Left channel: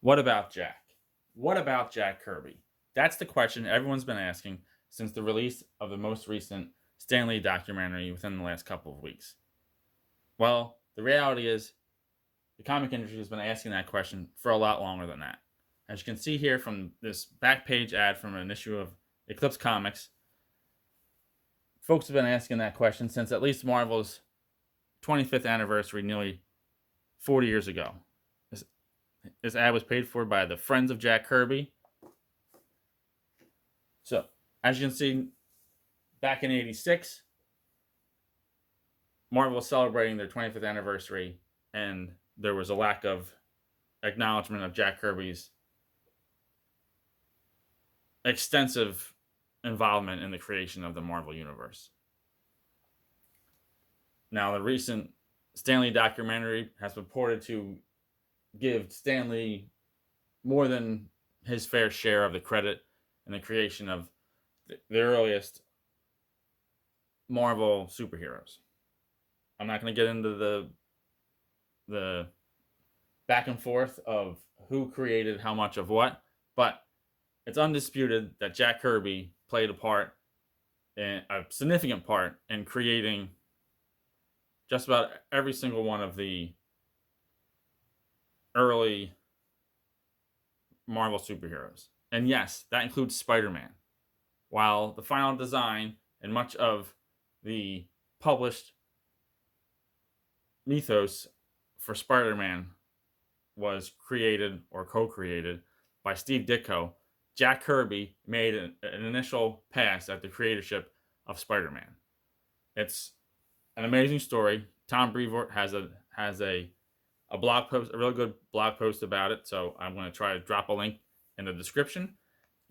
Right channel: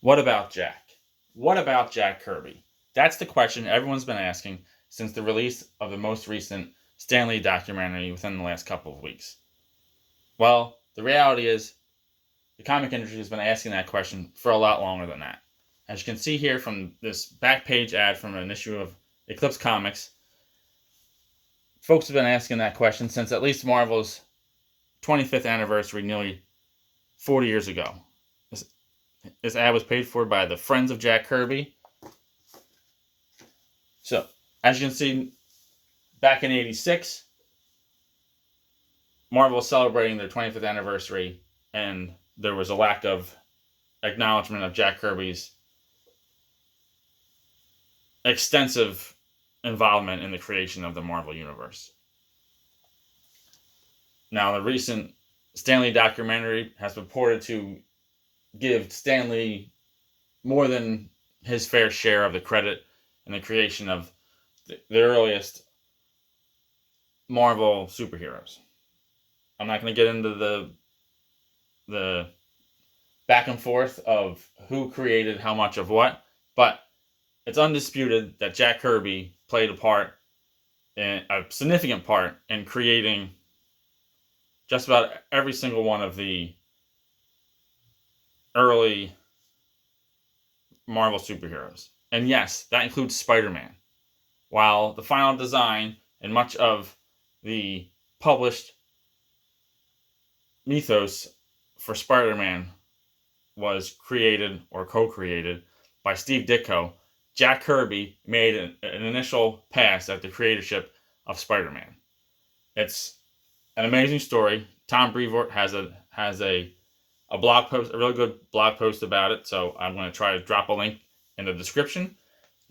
What about Jack? What about Jack Kirby? That's the question everyone's been asking since the release of the most recent Stanley documentary within the last couple of weeks. Well, the reality is the comic industry has been asking that question for a lot longer than that. As you can see here from this back page ad from an issue of Eclipse Comics, folks have been asking that question since at least Marvel's 25th anniversary nearly 40 years ago. This ad was paid for by the Friends of Jack Kirby. So, as you can see, back in '86, Marvel was celebrating their 25th anniversary, and there was a lack of acknowledgement of Jack Kirby's extensive involvement in the creation of the Marvel Universe. Now, the recent Stanley documentary has purported to give Stanley more than his fair share of the credit in the creation of the earliest Marvel superheroes. I'm not going to get into the back and forth of who created how much of what, but it's undisputed that Jack Kirby played a significant part in creating just about every single one of the early Marvel superheroes. And yes, that includes Spider-Man. While the final design and much of the published mythos for Spider-Man was created or co-created by Steve Ditko, Jack Kirby made an initial pass at the creatorship of Spider-Man. It's an amazing story. Tom Brevoort has a blog post, a really good blog post about it. So I'm going to try to drop a link in the description.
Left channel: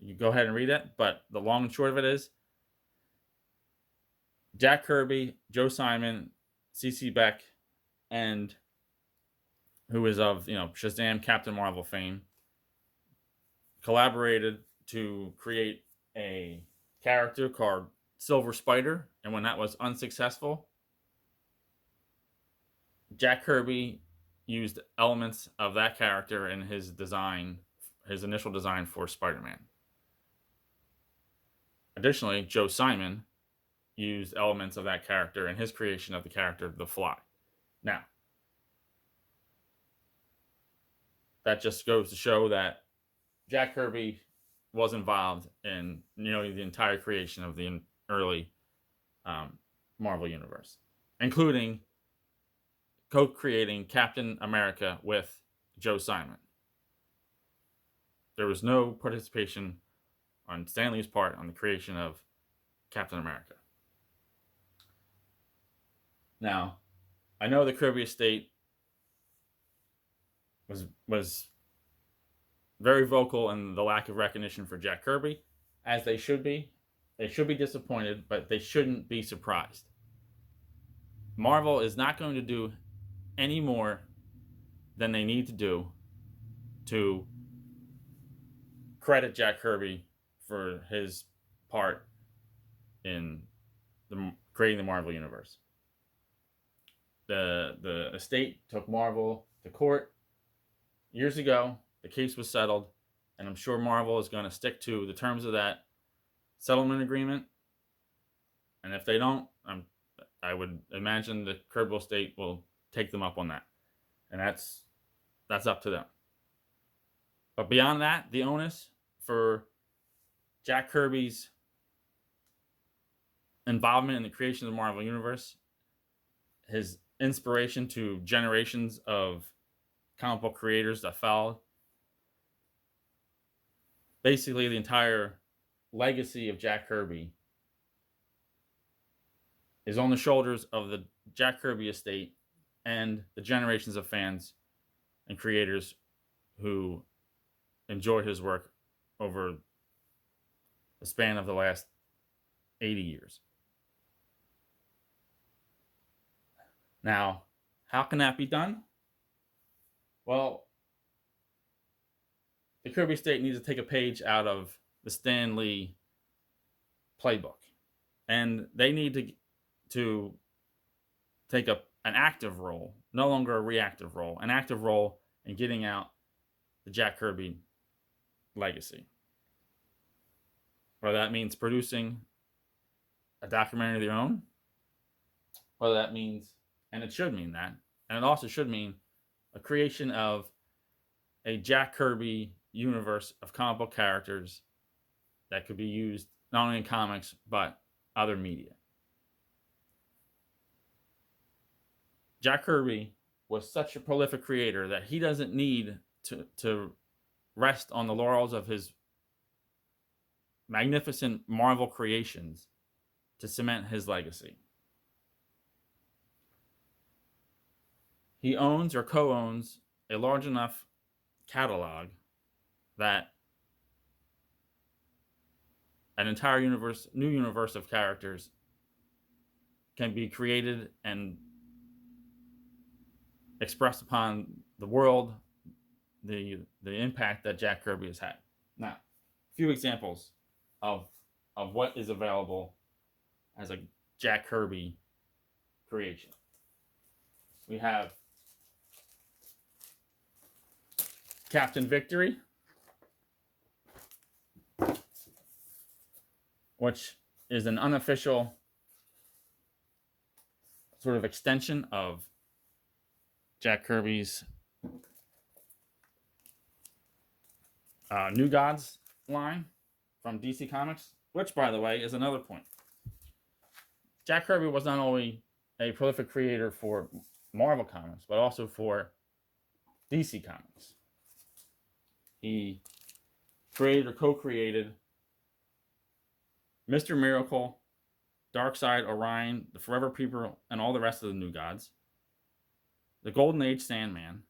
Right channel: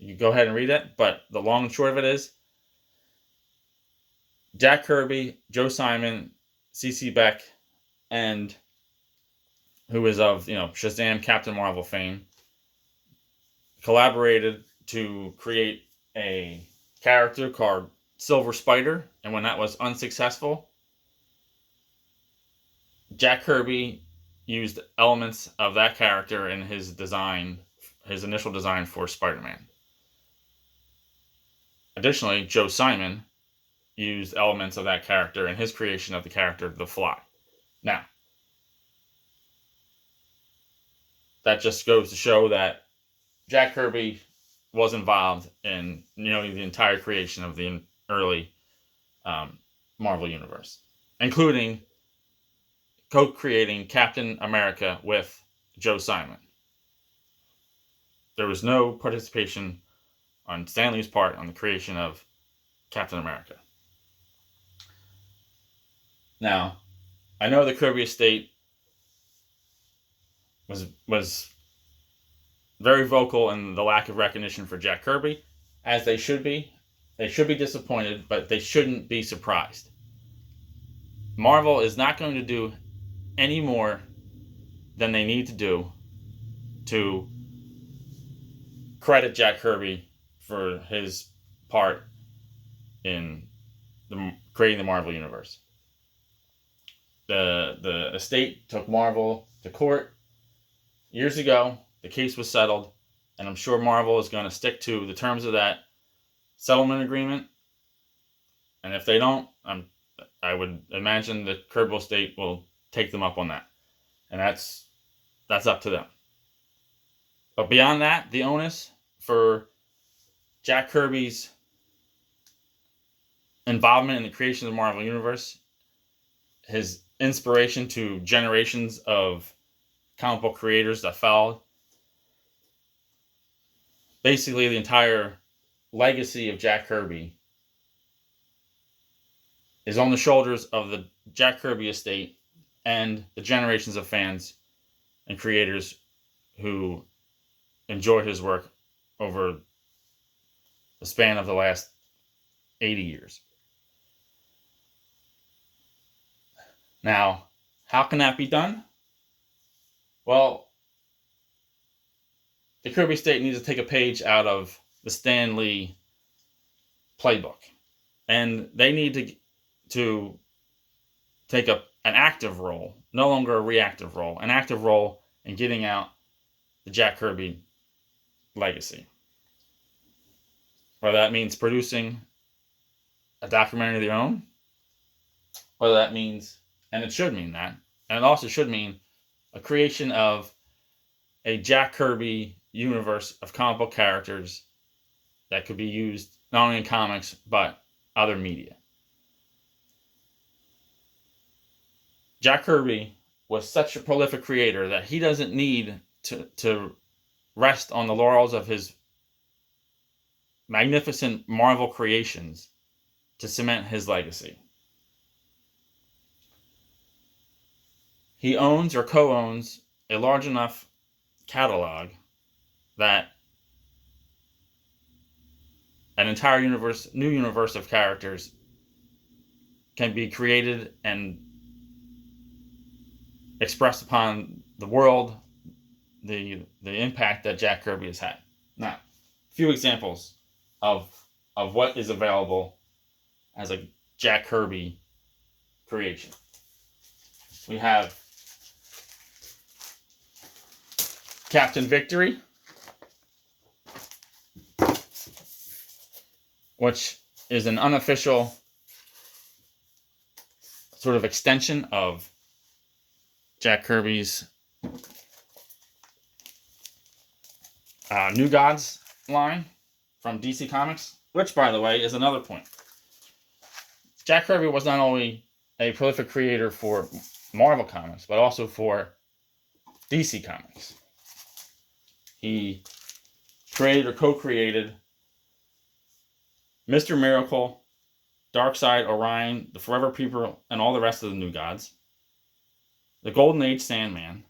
You can go ahead and read it. But the long and short of it is Jack Kirby, Joe Simon, C.C. Beck, and who is of Shazam, Captain Marvel fame, collaborated to create a character called Silver Spider. And when that was unsuccessful, Jack Kirby used elements of that character in his design, his initial design for Spider-Man. Additionally, Joe Simon used elements of that character in his creation of the character The Fly. Now, that just goes to show that Jack Kirby was involved in the entire creation of the early Marvel Universe, including co-creating Captain America with Joe Simon. There was no participation on Stanley's part on the creation of Captain America. Now, I know the Kirby Estate was very vocal in the lack of recognition for Jack Kirby, as they should be. They should be disappointed, but they shouldn't be surprised. Marvel is not going to do any more than they need to do to credit Jack Kirby for his part in creating the Marvel Universe. The estate took Marvel to court years ago. The case was settled, and I'm sure Marvel is going to stick to the terms of that settlement agreement. And if they don't, I would imagine the Kirby Estate will take them up on that, and that's up to them. But beyond that, the onus for Jack Kirby's involvement in the creation of the Marvel Universe, his inspiration to generations of comic book creators that followed, basically the entire legacy of Jack Kirby is on the shoulders of the Jack Kirby Estate and the generations of fans and creators who enjoy his work over the span of the last 80 years. Now, how can that be done? Well, the Kirby Estate needs to take a page out of the Stan Lee playbook, and they need to take an active role, no longer a reactive role, an active role in getting out the Jack Kirby legacy. Whether that means producing a documentary of their own, whether that means, and it should mean that, and it also should mean a creation of a Jack Kirby universe of comic book characters that could be used not only in comics but other media. Jack Kirby was such a prolific creator that he doesn't need to rest on the laurels of his magnificent Marvel creations to cement his legacy. He owns or co-owns a large enough catalog that an entire new universe of characters can be created and expressed upon the world, the impact that Jack Kirby has had. Now, a few examples of what is available as a Jack Kirby creation. We have Captain Victory, which is an unofficial sort of extension of Jack Kirby's New Gods line from DC Comics, which, by the way, is another point. Jack Kirby was not only a prolific creator for Marvel Comics, but also for DC Comics. He created or co-created Mr. Miracle, Darkseid, Orion, the Forever People, and all the rest of the New Gods. The Golden Age Sandman,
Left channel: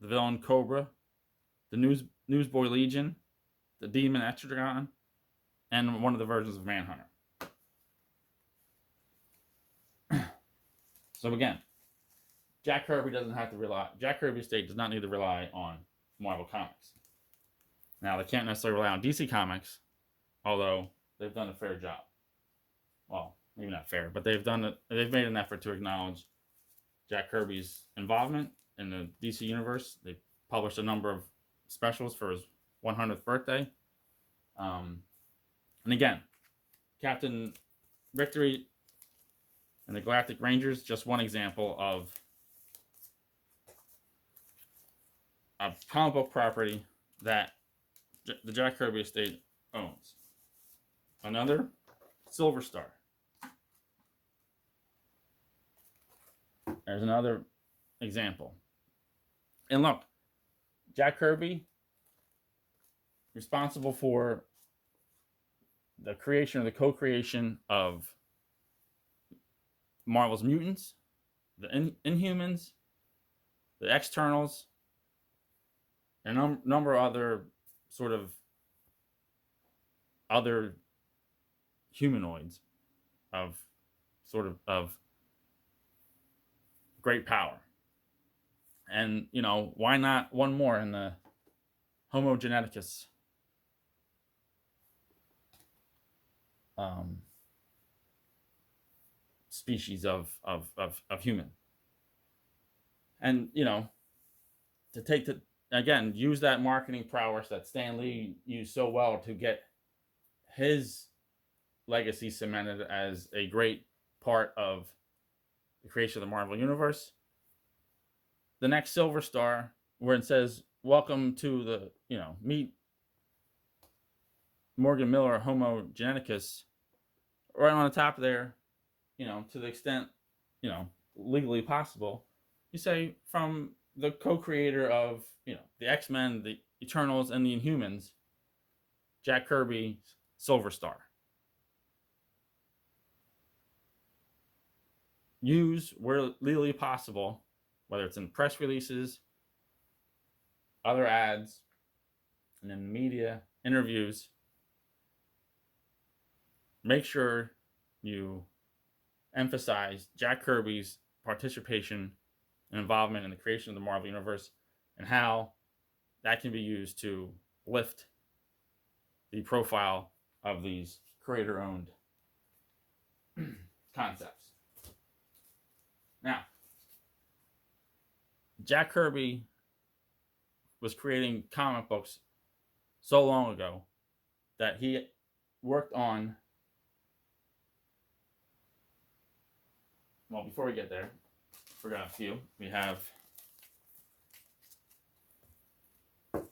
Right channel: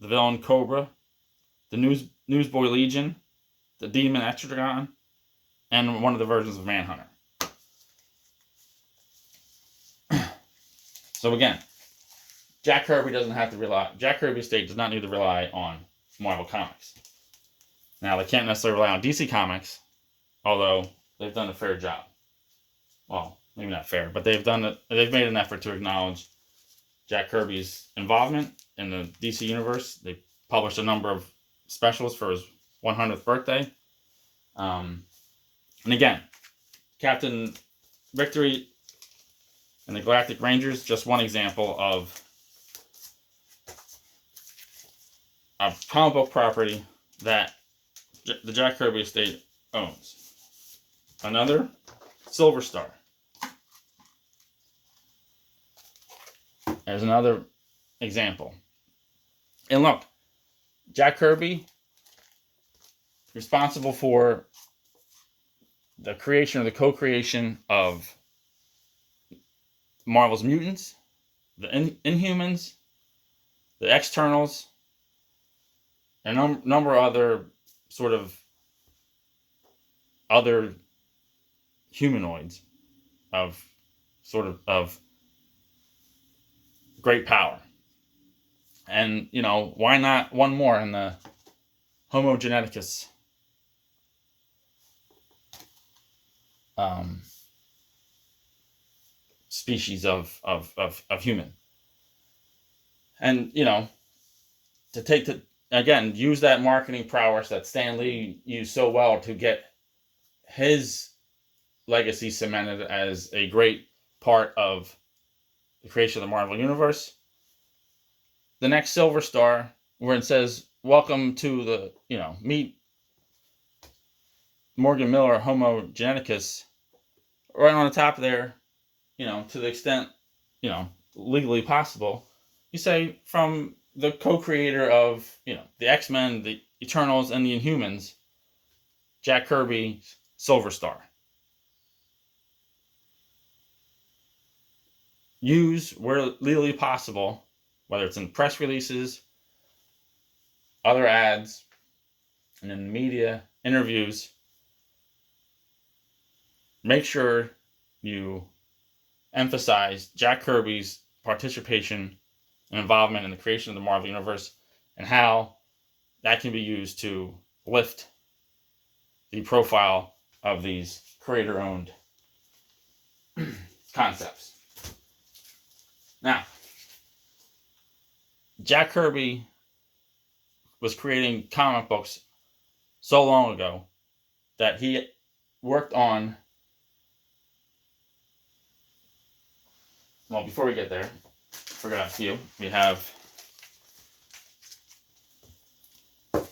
the villain Cobra, the Newsboy Legion, the Demon Etrigan, and one of the versions of Manhunter. So again, Jack Kirby Estate does not need to rely on Marvel Comics. Now, they can't necessarily rely on DC Comics, although they've done a fair job. Well, maybe not fair, but they've made an effort to acknowledge Jack Kirby's involvement in the DC universe. They published a number of specials for his 100th birthday. And again, Captain Victory and the Galactic Rangers, just one example of a comic book property that the Jack Kirby Estate owns. Another, Silver Star. There's another example. And look, Jack Kirby, responsible for the creation or the co-creation of Marvel's Mutants, the Inhumans, the Externals, and a number of other sort of other humanoids of great power. And, why not one more in the Homo geneticus species of human. And, to again, use that marketing prowess that Stan Lee used so well to get his legacy cemented as a great part of the creation of the Marvel Universe. The next Silver Star, where it says, welcome to the, meet Morgan Miller, Homo geneticus, right on the top there, to the extent, legally possible, you say from the co-creator of, the X-Men, the Eternals, and the Inhumans, Jack Kirby, Silver Star. Use where legally possible, whether it's in press releases, other ads, and in media, interviews. Make sure you emphasize Jack Kirby's participation and involvement in the creation of the Marvel Universe and how that can be used to lift the profile of these creator-owned concepts. Now, Jack Kirby was creating comic books so long ago that he worked on. Well, before we get there, forgot a few. We have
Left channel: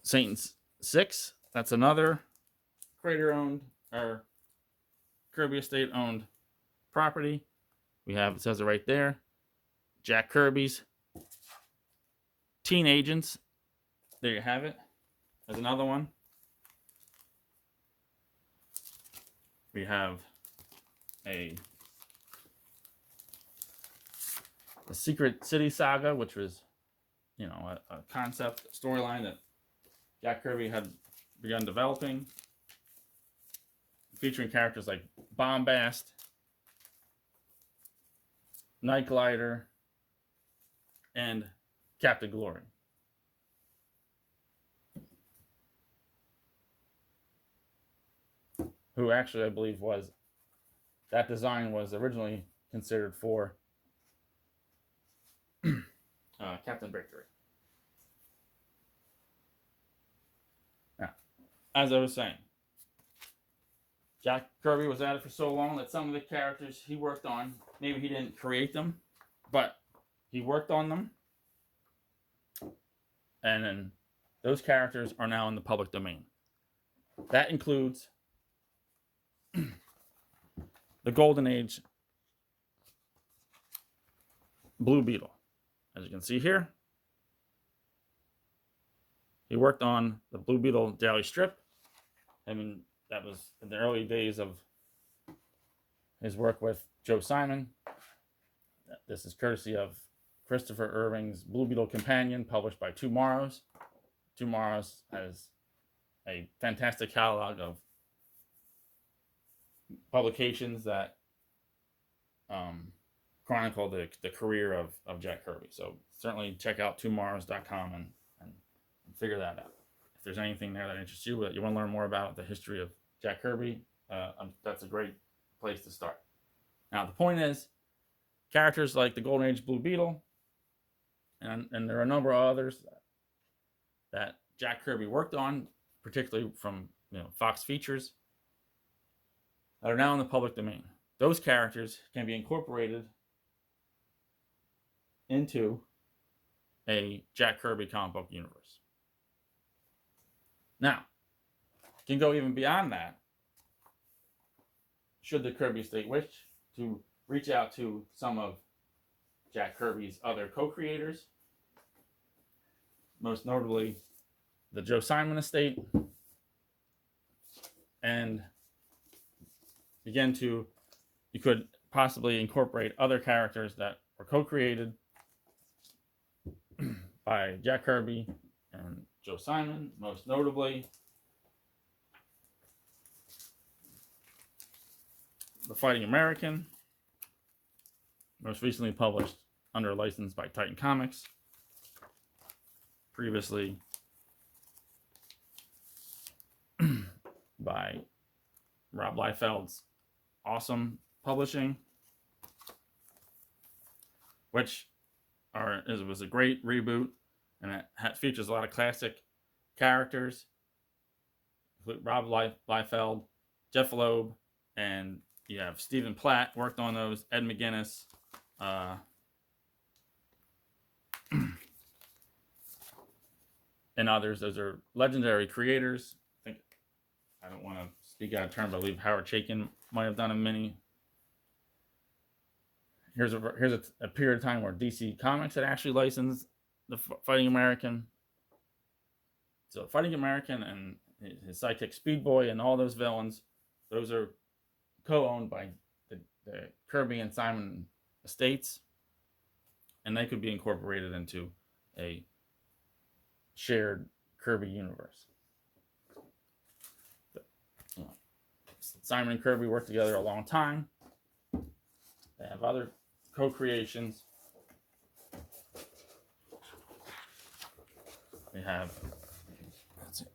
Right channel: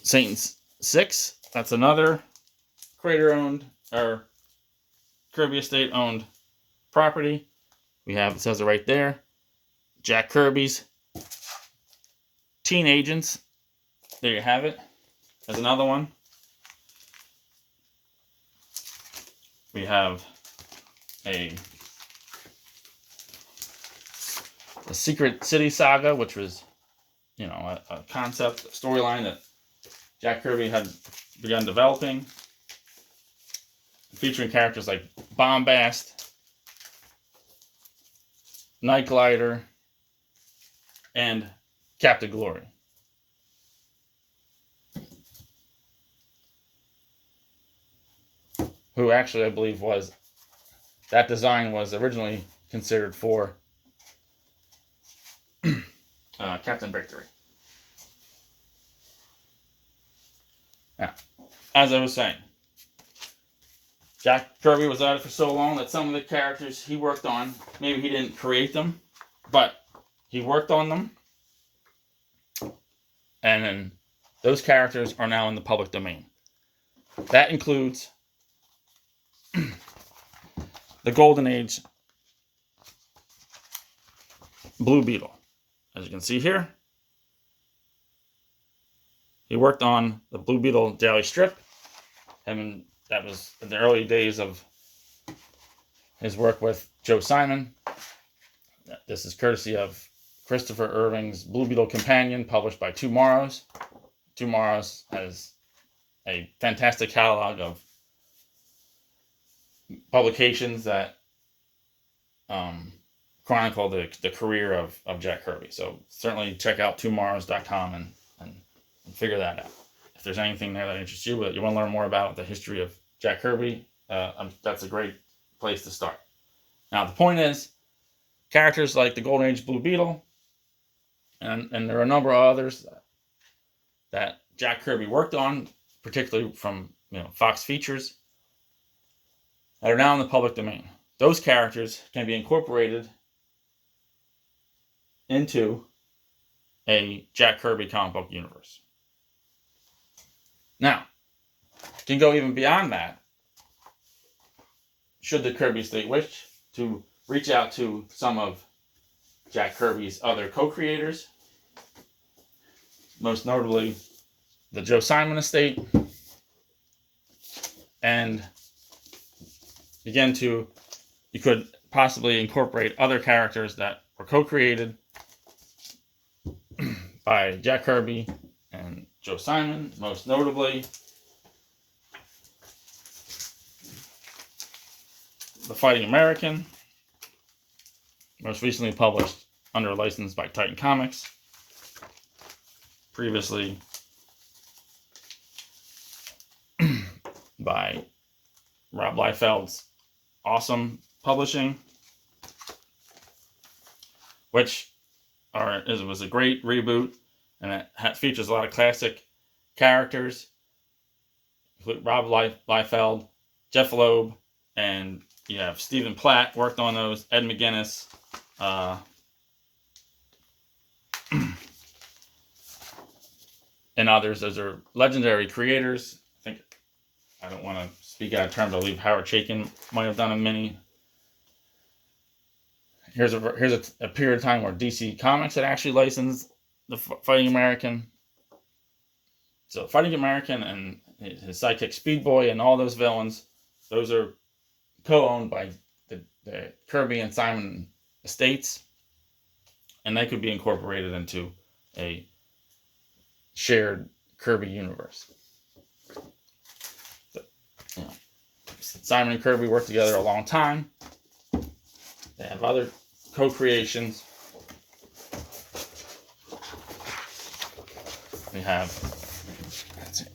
Satan's Six. That's another creator owned or Kirby Estate owned property. We have, it says it right there, Jack Kirby's Teen Agents. There you have it. There's another one. We have a Secret City Saga, which was, a concept storyline that Jack Kirby had begun developing, featuring characters like Bombast, Night Glider, and Captain Glory. Who actually, I believe, that design was originally considered for Captain Victory. Now, as I was saying, Jack Kirby was at it for so long that some of the characters he worked on, maybe he didn't create them, but he worked on them. And then those characters are now in the public domain. That includes the Golden Age Blue Beetle. As you can see here, he worked on the Blue Beetle daily strip, and that was in the early days of his work with Joe Simon. This is courtesy of Christopher Irving's Blue Beetle Companion, published by Two Morrows. Two Morrows has a fantastic catalog of publications that chronicle the career of Jack Kirby. So certainly check out twomorrows.com and figure that out. If there's anything there that interests you, that you want to learn more about the history of Jack Kirby, that's a great place to start. Now, the point is, characters like the Golden Age Blue Beetle, and there are a number of others that Jack Kirby worked on, particularly from Fox Features, that are now in the public domain. Those characters can be incorporated into a Jack Kirby comic book universe. Now, you can go even beyond that, should the Kirby Estate wish to reach out to some of Jack Kirby's other co-creators, most notably the Joe Simon Estate, and you could possibly incorporate other characters that were co-created by Jack Kirby and Joe Simon, most notably The Fighting American, most recently published under license by Titan Comics, previously by Rob Liefeld's Awesome Publishing, which was a great reboot, and it features a lot of classic characters, Rob Liefeld, Jeff Loeb, and you have Stephen Platt worked on those, Ed McGuinness, and others. Those are legendary creators. I don't want to speak out of terms. I believe Howard Chaykin might have done a mini. Here's a period of time where DC Comics had actually licensed the Fighting American. So Fighting American and his sidekick Speed Boy and all those villains, those are co-owned by the Kirby and Simon estates, and they could be incorporated into a shared Kirby universe. Simon and Kirby worked together a long time. They have other co-creations. We have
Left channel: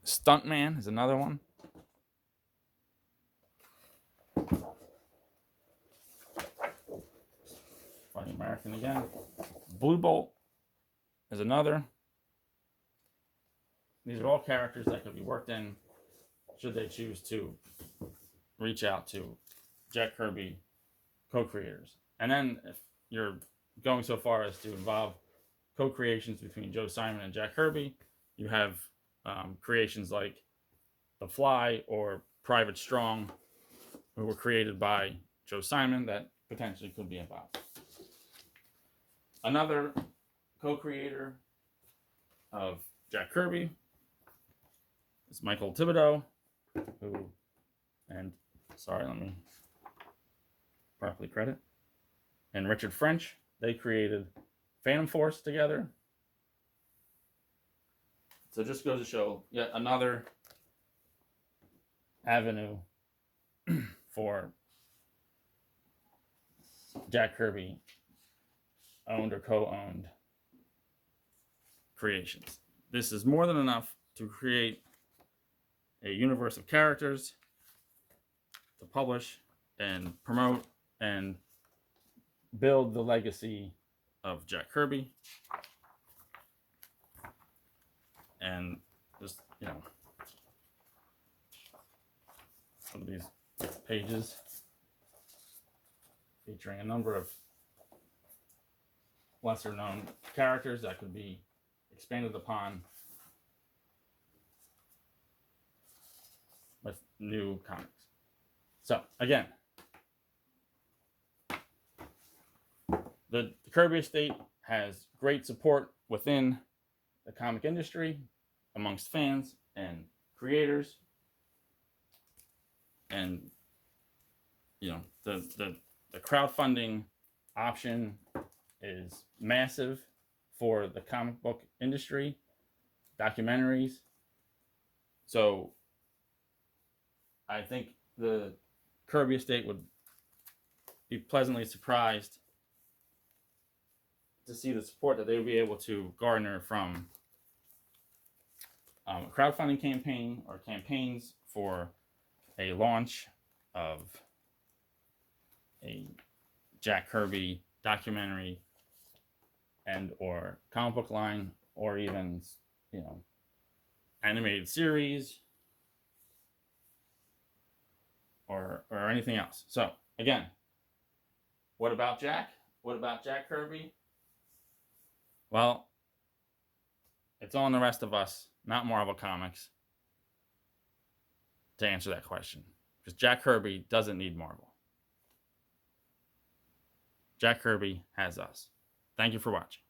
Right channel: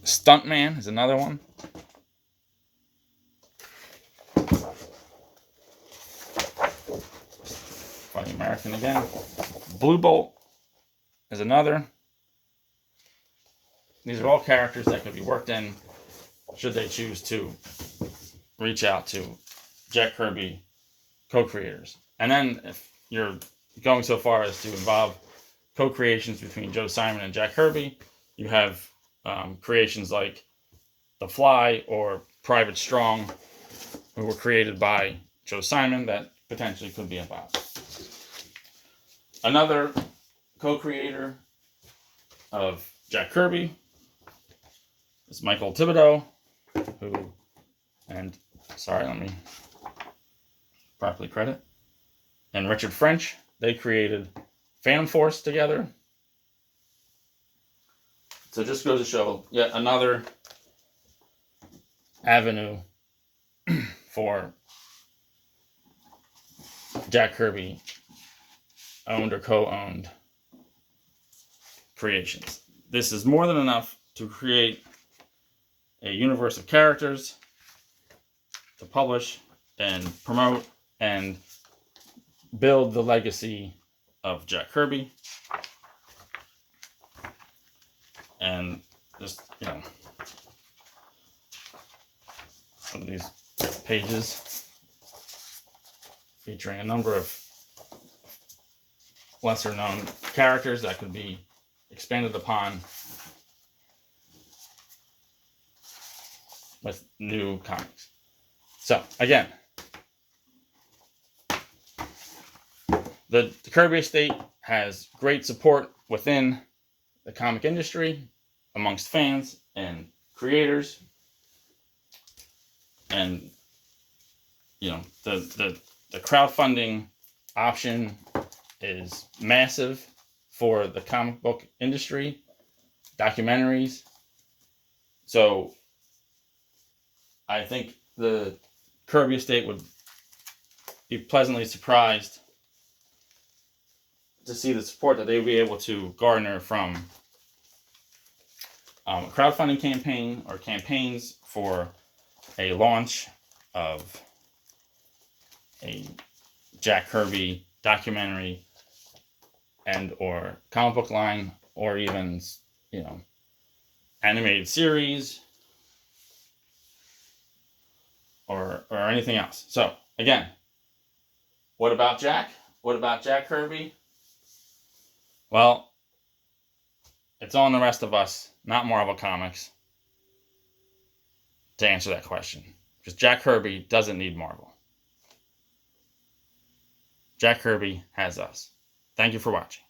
Stuntman is another one. Funny American again. Blue Bolt is another. these are all characters that could be worked in should they choose to reach out to Jack Kirby co-creators. And then if you're going so far as to involve co-creations between Joe Simon and Jack Kirby, you have creations like The Fly or Private Strong, who were created by Joe Simon, that potentially could be involved. Another co-creator of Jack Kirby is Michael Thibodeau, who, and sorry, let me properly credit, and Richard French. They created Phantom Force together. So just goes to show yet another avenue for Jack Kirby owned or co-owned creations. This is more than enough to create a universe of characters to publish and promote and build the legacy of Jack Kirby. And just, some of these pages featuring a number of lesser known characters that could be expanded upon with new comics. So again, the Kirby Estate has great support within the comic industry, amongst fans and creators, and the crowdfunding option is massive for the comic book industry, documentaries. So I think the Kirby Estate would be pleasantly surprised to see the support that they would be able to garner from a crowdfunding campaign or campaigns for a launch of a Jack Kirby documentary and or comic book line, or even animated series or anything else. So again, what about Jack? What about Jack Kirby? Well, it's on the rest of us, not Marvel Comics, to answer that question. Because Jack Kirby doesn't need Marvel. Jack Kirby has us. Thank you for watching.